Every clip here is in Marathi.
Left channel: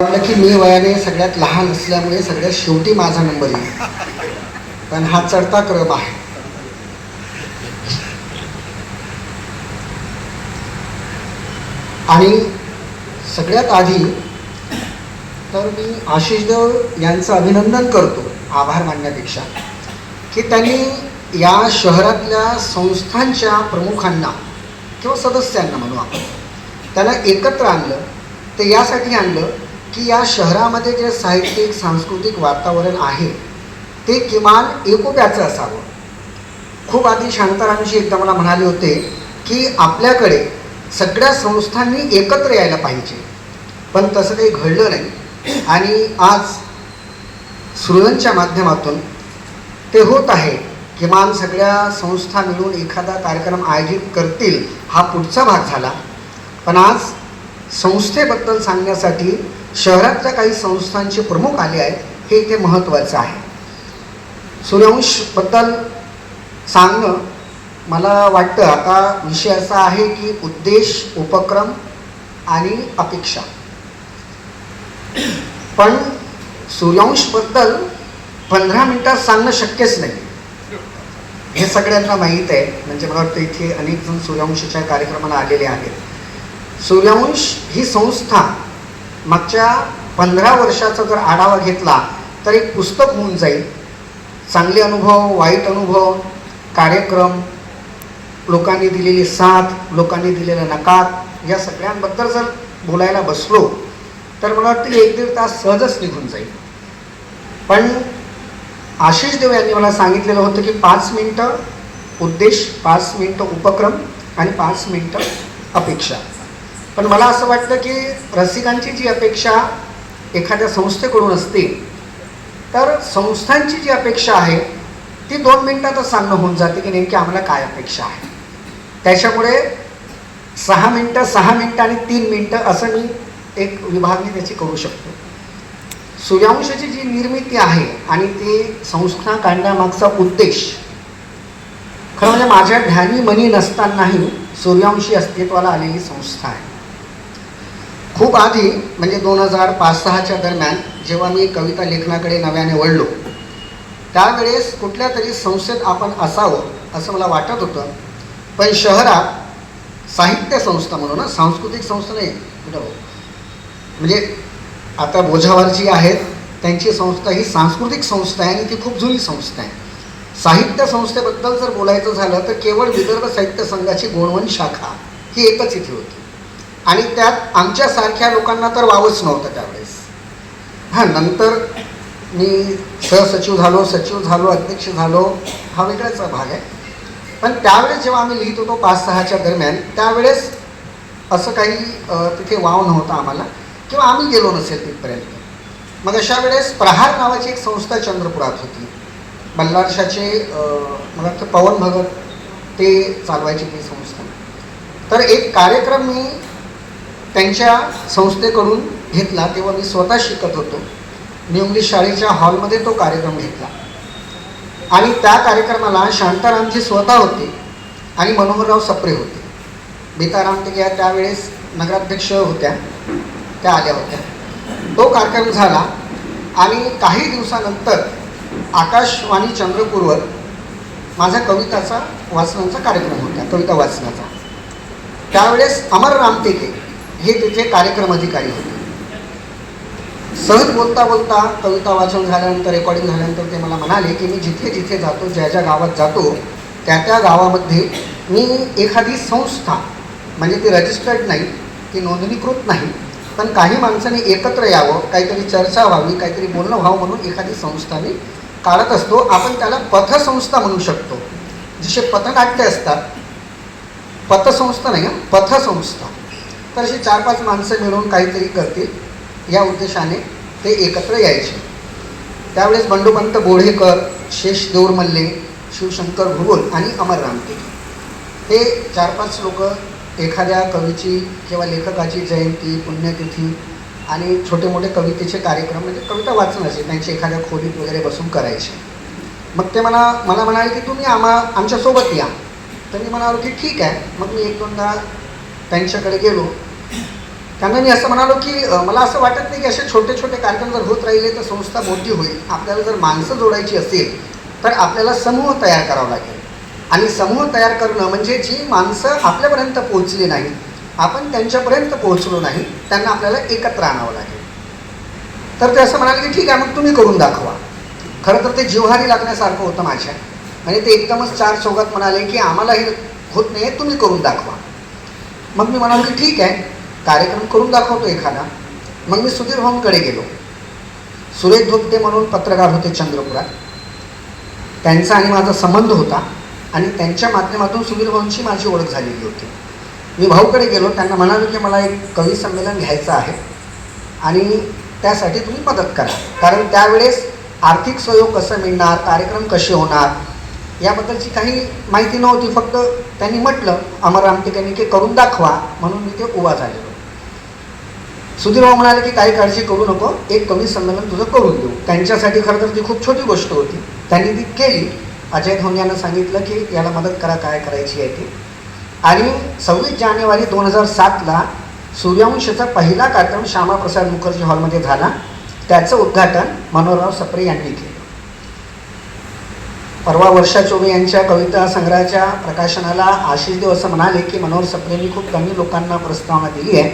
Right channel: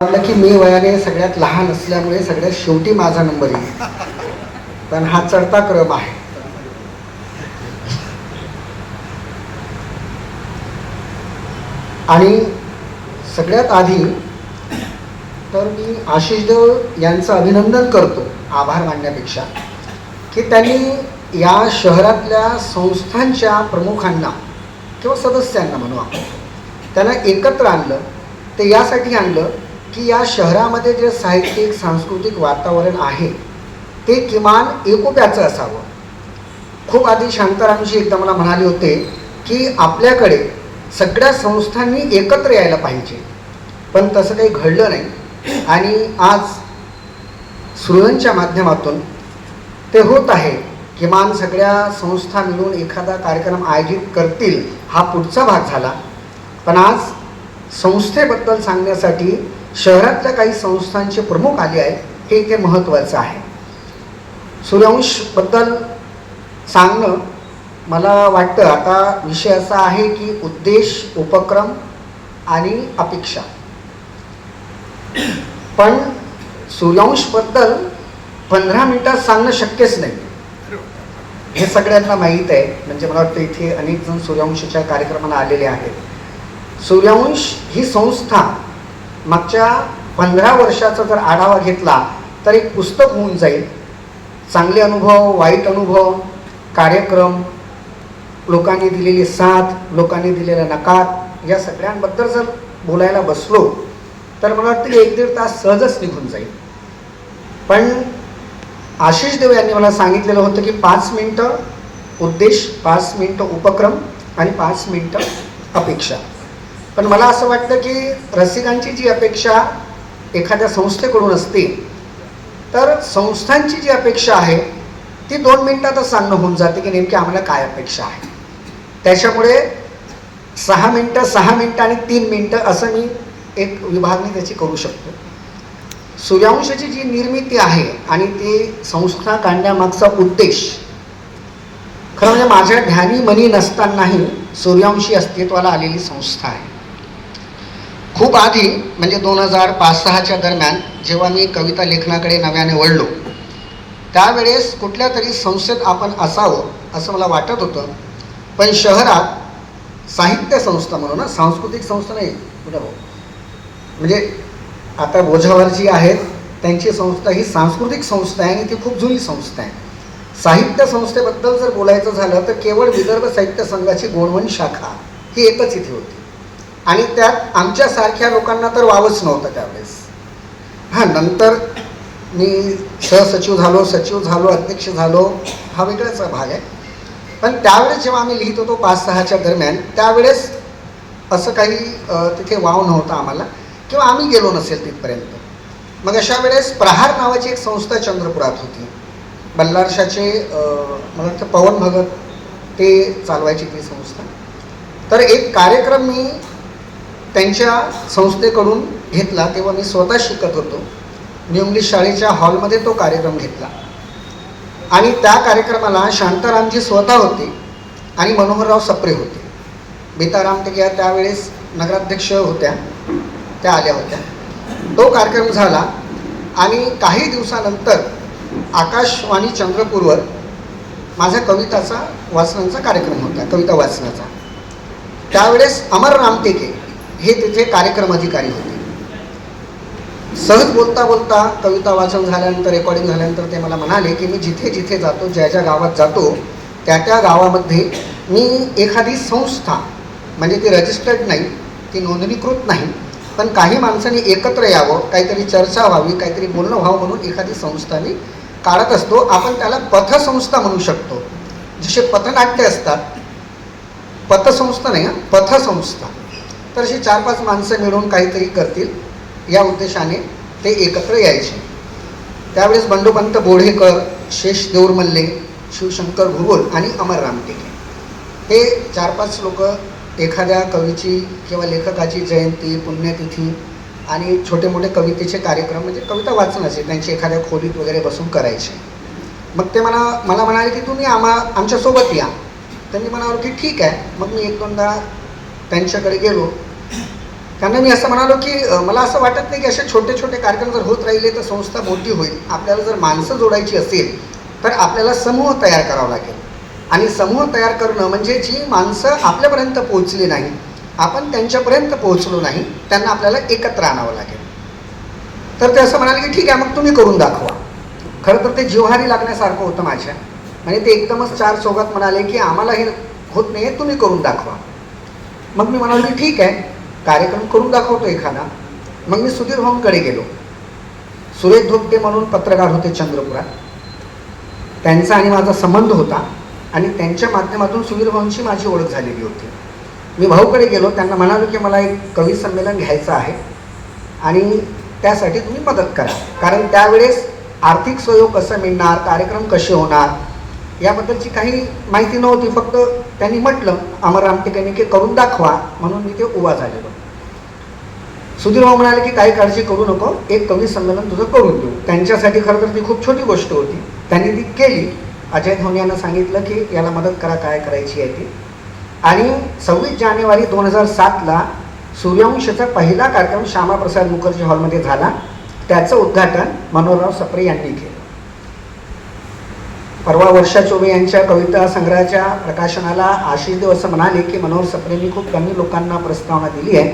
म्हटलं की मी वयाने सगळ्यात लहान असल्यामुळे सगळ्यात शेवटी माझा नंबर येईल, पण हा चढता क्रम आहे. आणि सगळ्यात आधी तर मी आशिष देव यांचं अभिनंदन करतो, आभार मानण्यापेक्षा, की त्यांनी या शहरातल्या संस्थांच्या प्रमुखांना किंवा सदस्यांना म्हणू आपण, त्यांना एकत्र आणलं. ते यासाठी आणलं की या शहरामध्ये जे साहित्यिक सांस्कृतिक वातावरण आहे ते किमान एकोप्याचं असावं. खूप आधी शांतारामजी एकदा मला म्हणाले होते की आपल्याकडे सगळ्या संस्थांनी एकत्र यायला पाहिजे, पण तसं काही घडलं नाही. आणि आज सुरवंच्या माध्यमातून ते होत आहे. किमान सगळ्या संस्था मिळून एखादा कार्यक्रम आयोजित करतील हा पुढचा भाग झाला. पण आज संस्थेबद्दल सांगण्यासाठी शहरातल्या काही संस्थांचे प्रमुख आले आहेत, हे इथे महत्त्वाचं आहे. सूर्यवंशबद्दल सांगणं मला वाटतं आता विषय असा आहे की उद्देश, उपक्रम आणि अपेक्षा. पण सूर्यवंशबद्दल 15 मिनिटात सांगणं शक्यच नाही, हे सगळ्यांना माहीत आहे. म्हणजे मला वाटतं इथे अनेक जण सूर्यवंशाच्या कार्यक्रमाला आलेले आहेत. सूर्यवंश ही संस्था मागच्या 15 वर्षाचा जर आढावा घेतला तर एक पुस्तक होऊन जाईल. चांगले अनुभव, वाईट अनुभव, कार्यक्रम, लोकांनी दिलेली साथ, लोकांनी दिलेला नकार, या सगळ्यांबद्दल जर बोलायला बसलो तर मला वाटतं 1-1.5 तास सहजच निघून जाईल. पण आशिष देव यांनी मला सांगितलेलं होतं की 5 मिनिटं उद्देश, 5 मिनिटं उपक्रम आणि 5 मिनिटं अपेक्षा. पण मला असं वाटतं की रसिकांची जी अपेक्षा एखाद्या संस्थेकडून असते, तर संस्थांची जी अपेक्षा आहे ती 2 मिनिटातच सांगणं होऊन जाते की नेमकी आम्हाला काय अपेक्षा आहे. त्याच्यामुळे 6 मिनिटं, 6 मिनिटं आणि 3 मिनिटं असं मी एक विभागणी त्याची करू शकतो. सूर्यवंशाची जी निर्मिती आहे आणि ती संस्था काढण्यामागचा उद्देश, खरं म्हणजे माझ्या ध्यानी मनी नसतानाही सूर्यवंशी अस्तित्वाला आलेली संस्था आहे. खूप आधी म्हणजे 2005-06च्या दरम्यान जेव्हा मी कविता लेखनाकडे नव्याने वळलो, त्यावेळेस कुठल्या तरी संस्थेत आपण असावं असं मला वाटत होतं. पण शहरात साहित्य संस्था म्हणून, सांस्कृतिक संस्था नाही, म्हणजे आता बोझावर जी आहेत त्यांची संस्था ही सांस्कृतिक संस्था आहे आणि ती खूप जुनी संस्था आहे. साहित्य संस्थेबद्दल जर बोलायचं झालं तर केवळ विदर्भ साहित्य संघाची गोंडवन शाखा ही एकच इथे होती आणि त्यात आमच्यासारख्या लोकांना तर वावच नव्हतं त्यावेळेस. नंतर मी सहसचिव झालो, सचिव झालो, अध्यक्ष झालो, हा वेगळाच भाग आहे. पण त्यावेळेस जेव्हा आम्ही लिहित होतो 5-6च्या दरम्यान, त्यावेळेस असं काही तिथे वाव नव्हता आम्हाला, किंवा आम्ही गेलो नसेल तिथपर्यंत. मग अशा वेळेस प्रहार नावाची एक संस्था चंद्रपुरात होती. बल्लारशाचे मला वाटतं पवन भगत ते चालवायची ती संस्था. तर एक कार्यक्रम मी त्यांच्या संस्थेकडून घेतला, तेव्हा मी स्वतः शिकत होतो. मी इंग्लिश शाळेच्या हॉलमध्ये तो कार्यक्रम घेतला आणि त्या कार्यक्रमाला शांतारामजी स्वतः होते आणि मनोहरराव सप्रे होते. बेताराम ते त्यावेळेस नगराध्यक्ष होत्या, त्या आल्या होत्या. तो कार्यक्रम झाला आणि काही दिवसानंतर आकाशवाणी चंद्रपूरवर माझा कविताचा वाचनाचा कार्यक्रम होता, कविता वाचनाचा. त्यावेळेस अमर रामटेके हे तिथे कार्यक्रम अधिकारी होते. सहज बोलता बोलता कविता वाचन झाल्यानंतर, रेकॉर्डिंग झाल्यानंतर ते मला म्हणाले की मी जिथे जिथे जातो, ज्या ज्या गावात जातो, त्या त्या गावामध्ये मी एखादी संस्था, म्हणजे ती रजिस्टर्ड नाही, ती नोंदणीकृत नाही, पण काही माणसांनी एकत्र यावं, काहीतरी चर्चा व्हावी, काहीतरी बोलणं व्हावं म्हणून एखादी संस्था मी काढत असतो. आपण त्याला पथसंस्था म्हणू शकतो. जसे पथनाट्य असतात, पथसंस्था नाही, पथसंस्था. तर अशी 4-5 माणसं मिळून काहीतरी करतील या उद्देशाने ते एकत्र यायचे. त्यावेळेस बंडोपंत बोढेकर, शेष देऊरमल्ले, शिवशंकर भुगोल आणि अमर रामटेके हे 4-5 लोक एखाद्या कवीची किंवा लेखकाची जयंती, पुण्यतिथी आणि छोटे मोठे कवितेचे कार्यक्रम, म्हणजे कविता वाचनाचे, त्यांची एखाद्या खोलीत वगैरे बसून करायचे. मग ते मला म्हणाले की तुम्ही आमच्यासोबत या. त्यांनी म्हणाले की ठीक आहे. मग मी 1-2दा त्यांच्याकडे गेलो त्यांना मी असं म्हणालो की मला असं वाटत नाही की असे छोटे छोटे कार्यक्रम जर होत राहिले तर संस्था मोठी होईल. आपल्याला जर माणसं जोडायची असेल तर आपल्याला समूह तयार करावा लागेल. आणि समूह तयार करणं म्हणजे जी माणसं आपल्यापर्यंत पोहोचली नाही, आपण त्यांच्यापर्यंत पोहोचलो नाही, त्यांना आपल्याला एकत्र आणावं लागेल. तर ते असं म्हणाले की ठीक आहे, मग तुम्ही करून दाखवा. खरं तर ते जिव्हारी लागण्यासारखं होतं माझ्या. म्हणजे ते एकदमच चार चौघात म्हणाले की आम्हाला हे होत नाही आहे, तुम्ही करून दाखवा. मग मी म्हणालो की ठीक आहे, कार्यक्रम करून दाखवतो एखादा. मग मी सुधीर भाऊंकडे गेलो. सुरेश धोपटे म्हणून पत्रकार होते चंद्रपुरात. त्यांचा आणि माझा संबंध होता आणि त्यांच्या माध्यमातून सुधीर भाऊंची माझी ओळख झालेली होती. मी भाऊकडे गेलो, त्यांना म्हणालो की मला एक कवी संमेलन घ्यायचं आहे आणि त्यासाठी तुम्ही मदत करा. कारण त्यावेळेस आर्थिक सहयोग कसं मिळणार, कार्यक्रम कसे होणार याबद्दलची काही माहिती नव्हती. फक्त त्यांनी म्हटलं अमर रामटेकांनी की करून दाखवा, म्हणून मी ते उभा झालेलो. सुधीर भाऊ म्हणाले की काही काळजी करू नको, एक कवी संमेलन तुझं करून देऊ. त्यांच्यासाठी खरं तर ती खूप छोटी गोष्ट होती, त्यांनी ती केली. अजय धोनियानं सांगितलं की याला मदत करा, काय करायची आहे ती. आणि 26 जानेवारी 2007ला सूर्यवंशचा पहिला कार्यक्रम श्यामाप्रसाद मुखर्जी हॉलमध्ये झाला. त्याचं उद्घाटन मनोहरराव सप्रे यांनी केलं. परवा वर्षा चोबे यांच्या कविता संग्रहाच्या प्रकाशनाला आशिष देव असं म्हणाले की मनोहर सप्रेंनी खूप कमी लोकांना प्रस्तावना दिली आहे,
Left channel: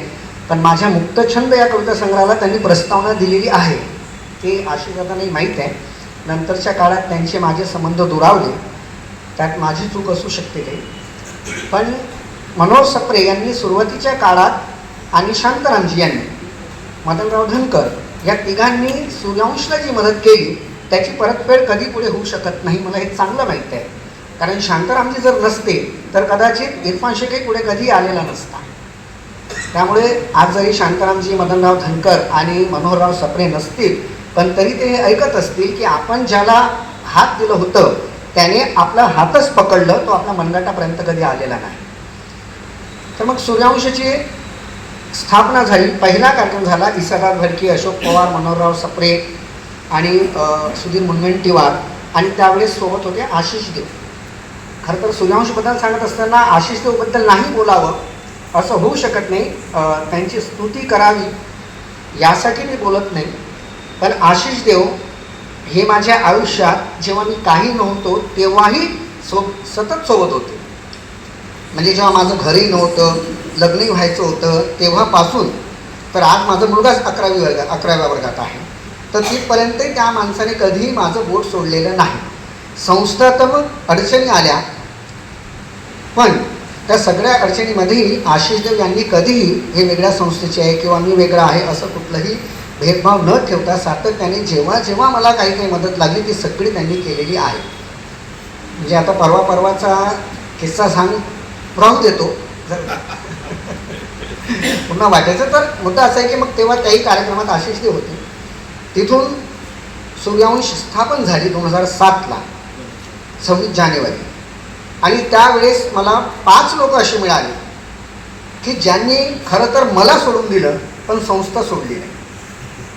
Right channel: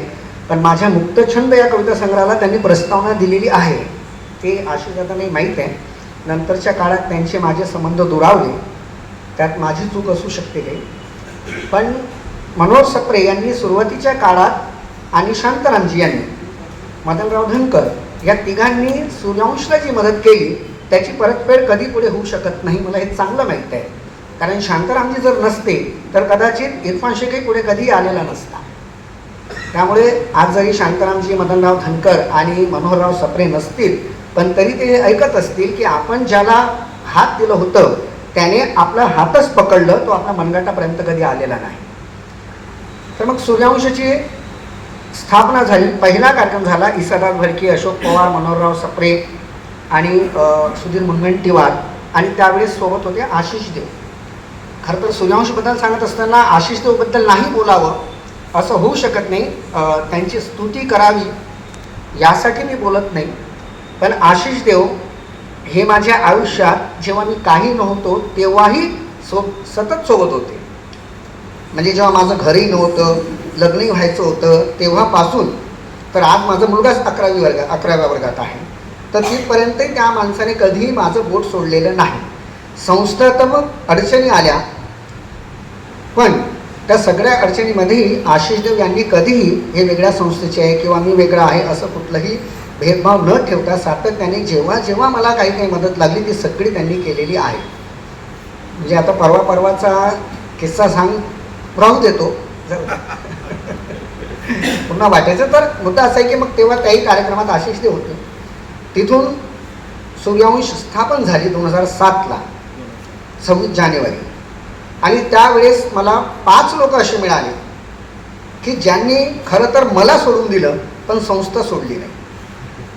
पण माझ्या मुक्तछंद या कविता संग्रहाला त्यांनी प्रस्तावना दिलेली आहे. ते आशिषदादांनी माहीत आहे. नंतरच्या काळात त्यांचे माझे संबंध दुरावले, त्यात माझी चूक असू शकते ते. पण मनोहर सप्रे यांनी सुरुवातीच्या काळात आणि शांतारामजी यांनी, मदनराव धनकर या तिघांनी सूर्यवंशला जी मदत केली त्याची परतफेड कधी पुढे होऊ शकत नाही, मला हे चांगलं माहीत आहे. कारण शांतारामजी जर नसते तर कदाचित इरफान शेखही पुढे कधी आलेला नसता. त्यामुळे आज जरी शांतारामजी, मदनराव धनकर आणि मनोहरराव सप्रे नसतील, पण तरी ते ऐकत असतील की आपण ज्याला हात दिलं होतं त्याने आपला हातच पकडलं, तो आपल्या मनगटापर्यंत कधी आलेला नाही. तर मग सूर्यवंशाची स्थापना झाली. पहिला कार्यक्रम झाला. ईसादास भडके, अशोक पवार, मनोहरराव सप्रे आणि सुधीर मुनगंटीवार आणि त्यावेळेस सोबत होते आशिष देव. खरं तर सूर्यवंशबद्दल सांगत असताना आशिष देवबद्दल नाही बोलावं असं होऊ शकत नाही, त्यांची स्तुती करावी यासाठी मी बोलत नाही. पण आशिष देव हे माझ्या आयुष्यात जेव्हा मी काही नव्हतो तेव्हाही सतत सोबत होते. म्हणजे जेव्हा माझं घरही नव्हतं, लग्नही व्हायचं होतं तेव्हापासून तर आज माझा मुलगाच 11व्या वर्गात आहे, तर तिथपर्यंतही त्या माणसाने कधीही माझं बोट सोडलेलं नाही. संस्थात्मक अडचणी आल्या, पण त्या सगळ्या अडचणीमध्येही आशिषदेव यांनी कधीही हे वेगळ्या संस्थेचे आहे किंवा मी वेगळा आहे असं कुठलंही भेदभाव न ठेवता सातत्याने जेव्हा जेव्हा मला काही मदत लागली ती सगळी त्यांनी केलेली आहे. म्हणजे आता परवाचा किस्सा राहू देतो, पुन्हा वाटायचं तर मुद्दा असा आहे की मग तेव्हा काही कार्यक्रमात आशिषदेव होते. तिथून सूर्यवंश स्थापन झाली 2007ला 26 जानेवारी. आणि त्यावेळेस मला 5 लोक असे मिळाले की ज्यांनी खरं तर मला सोडून दिलं पण संस्था सोडली नाही.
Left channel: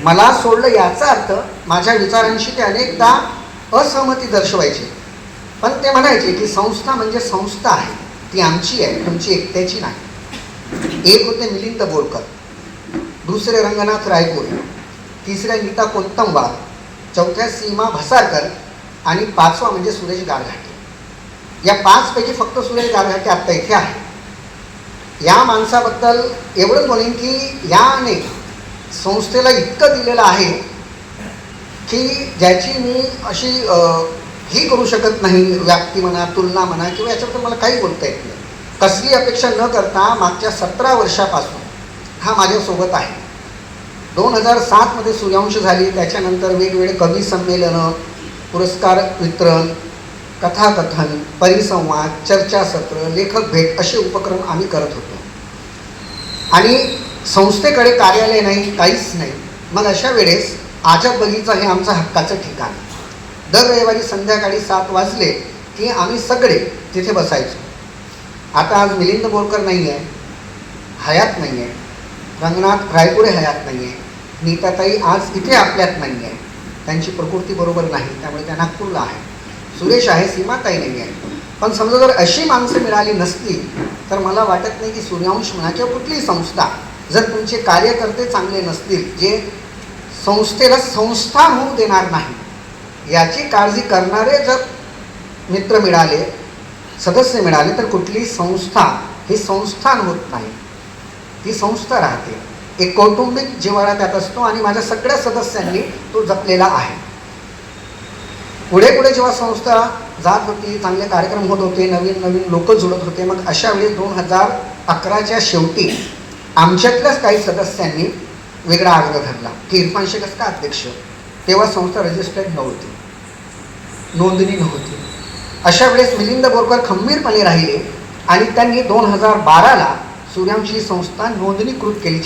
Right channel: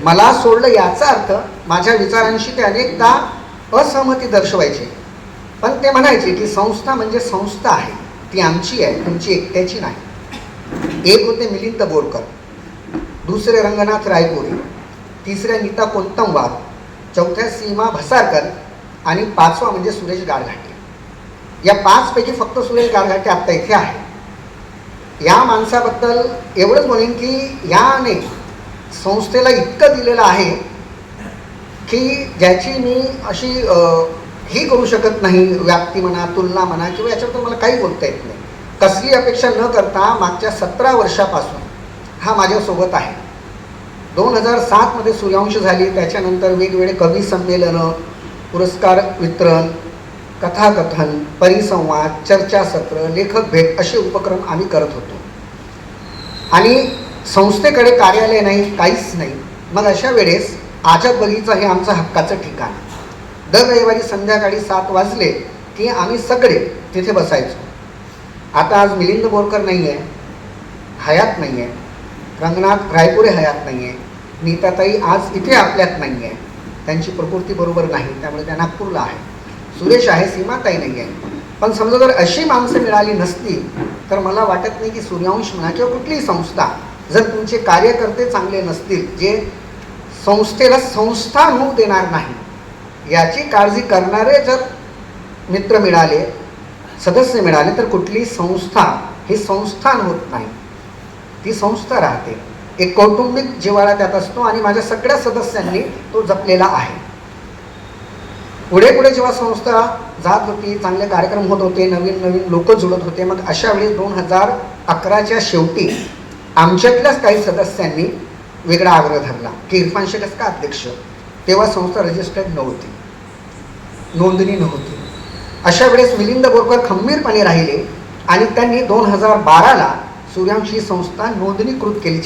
मला सोडलं याचा अर्थ माझ्या विचारांशी ते अनेकदा असहमती दर्शवायचे, पण ते म्हणायचे की संस्था म्हणजे संस्था आहे, ती आमची आहे, तुमची एकट्याची नाही. एक होते मिलिंद बोरकर, दुसरे रंगनाथ रायपुरी, तिसऱ्या नीता कोंतमवार, चौथ्या सीमा भसारकर आणि 5वा म्हणजे सुरेश गारघाटे. या 5 पैकी फक्त सुरेश गारघाटे आत्ता इथे आहे. या माणसाबद्दल एवढंच बोलेन की याने संस्थेला इतकं दिलेलं आहे की ज्याची मी अशी ही करू शकत नाही, व्याप्ती म्हणा, तुलना म्हणा किंवा याच्याबद्दल मला काही बोलता येत नाही. कसली अपेक्षा न करता मागच्या 17 वर्षापासून हा माझ्यासोबत आहे. 2007मध्ये सूर्यवंश झाली, त्याच्यानंतर वेगवेगळे कवी संमेलनं, पुरस्कार वितरण, कथाकथन, परिसंवाद, चर्चासत्र, लेखक भेट असे उपक्रम आम्ही करत होतो. आणि संस्थेकडे कार्यालय नाही, काहीच नाही. मग अशा वेळेस आझाद बगीचा हे आमचं हक्काचं ठिकाण. दर रविवारी संध्याकाळी 7 वाजले की आम्ही सगळे तिथे बसायचो. आता आज मिलिंद बोरकर नाही आहे, हयात नाही आहे, रंगनाथ रायपुरे हयात नाही आहे, नीताताई आज इथे आपल्यात नाही आहे, त्यांची प्रकृती बरोबर नाही, त्यामुळे त्या नागपूरला आहे. सुरेश आहे, सीमाताई नाही आहे. पण समजा जर अशी माणसं मिळाली नसती तर मला वाटत नाही की सूर्यवंश म्हणा किंवा कुठलीही संस्था जर तुमचे कार्यकर्ते चांगले नसतील, जे संस्थेला संस्था होऊ देणार नाही याची काळजी करणारे जर मित्र मिळाले, सदस्य मिळाले, तर कुठली संस्था ही संस्थान होत नाही, ती संस्था राहते. एक कौटुंबिक जिव्हाळा त्यात असतो आणि माझ्या सगळ्या सदस्यांनी तो जपलेला आहे. पुढे पुढे जेव्हा संस्था जात होती, चांगले कार्यक्रम होत होते, नवीन नवीन लोक जुळत होते, मग अशा वेळी 2011च्या शेवटी आमच्यातल्याच काही सदस्यांनी वेगळा आग्रह धरला की इरफान शेखच का अध्यक्ष. तेव्हा संस्था रजिस्टर्ड नव्हती, नोंदणी नव्हती. अशा वेळेस मिलिंद बोरकर खंबीरपणे राहिले आणि त्यांनी 2012ला सूर्यवंशी संस्था नोंदणीकृत केली.